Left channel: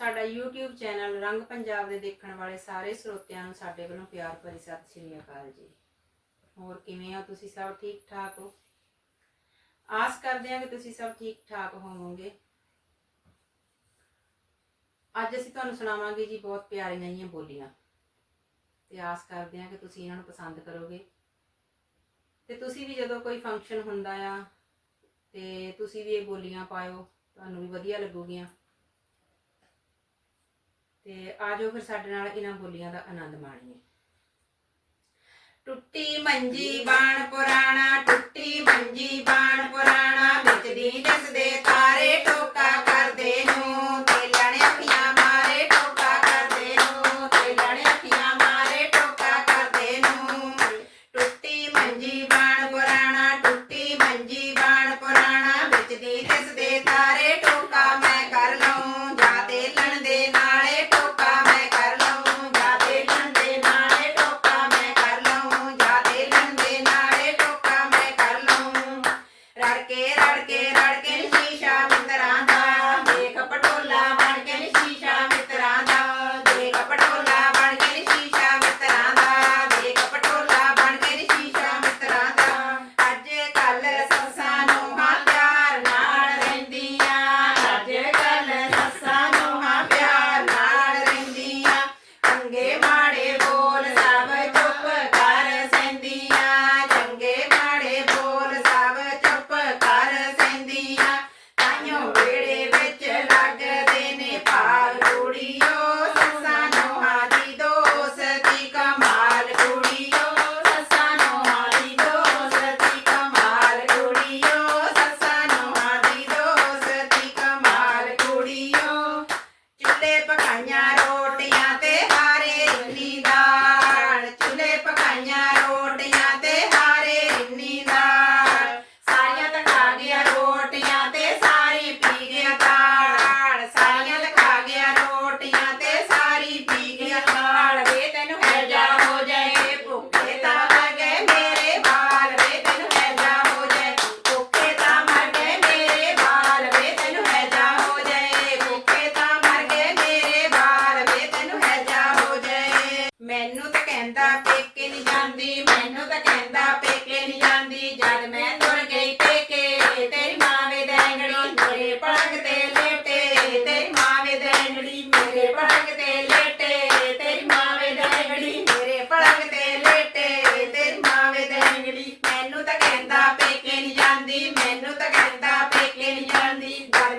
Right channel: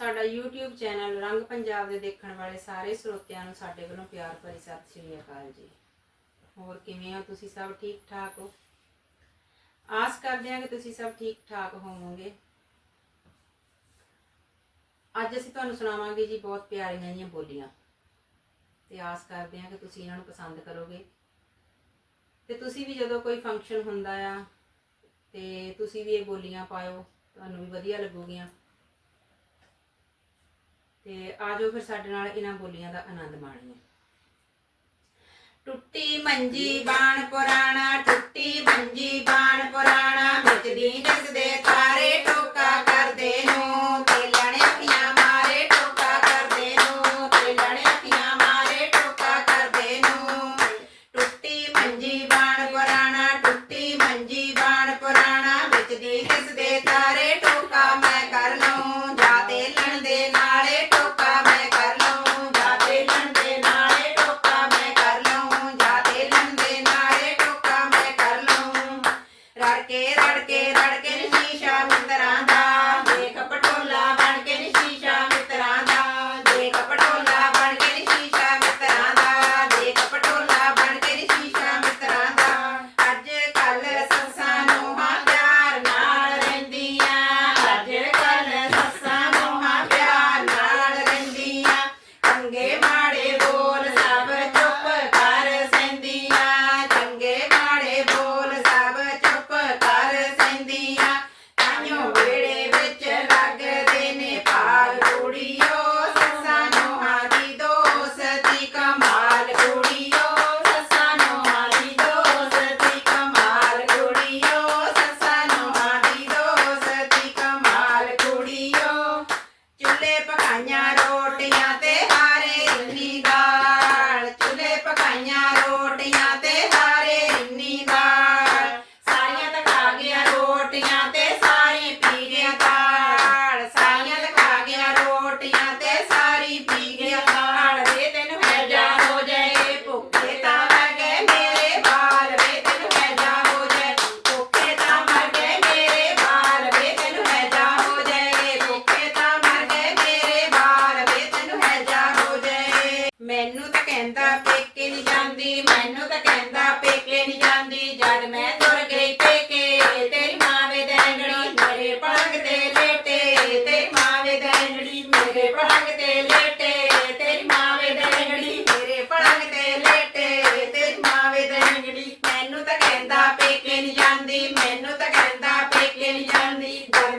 ਸਾਡਾ YouTube channel ਰੰਗ ਪੰਜਾਬ ਦੇ ਦੇਖਣ ਵਾਲੇ ਸਾਰੇ ਸਰੋਤਿਆਂ ਨੂੰ ਸਾਡੇ ਵੱਲੋਂ ਪਿਆਰ ਭਰੀ ਸਤਿ ਸ੍ਰੀ ਅਕਾਲ ਜੀ। ਹੋਰ ਕਿਵੇਂ ਹੋ ਤੁਸੀਂ ਸਭ ਠੀਕ ਠਾਕ ਹੋ? ਆਸ ਕਰਦੇ ਹਾਂ ਕਿ ਤੁਸੀਂ ਸਭ ਠੀਕ ਠਾਕ ਹੋਵੋਗੇ। ਅੱਜ ਅਸੀਂ ਤੁਹਾਨੂੰ ਸੁਣਾਵਾਂਗੇ ਜੀ ਬਹੁਤ ਪਿਆਰੀਆਂ ਜਿਹੀਆਂ ਬੋਲੀਆਂ। ਤੇ ਆਸ ਕਰਦੇ ਹਾਂ ਕਿ ਤੁਸੀਂ ਇਹਨਾਂ ਨੂੰ ਪਸੰਦ ਕਰੋਗੇ। ਤੇ ਤੁਸੀਂ ਵੀ ਜਦੋਂ ਕੋਈ ਫੰਕਸ਼ਨ ਹੁੰਦਾ ਆ, ਤੇ ਤੁਸੀਂ ਵੀ ਇਹ ਬੋਲੀਆਂ ਪਾਇਓ, ਤੁਹਾਨੂੰ ਵੀ ਵਧੀਆ ਲੱਗੂਗੀਆਂ। ਤੇ ਆ ਜਾਓ ਫਿਰ ਸਾਡੇ ਨਾਲ ਇਹਨਾਂ ਬੋਲੀਆਂ ਦਾ ਆਨੰਦ ਮਾਣੀਏ। ਟੁੱਟੀ ਮੰਜੀ ਬਾਣ ਪੁਰਾਣਾ, ਟੁੱਟੀ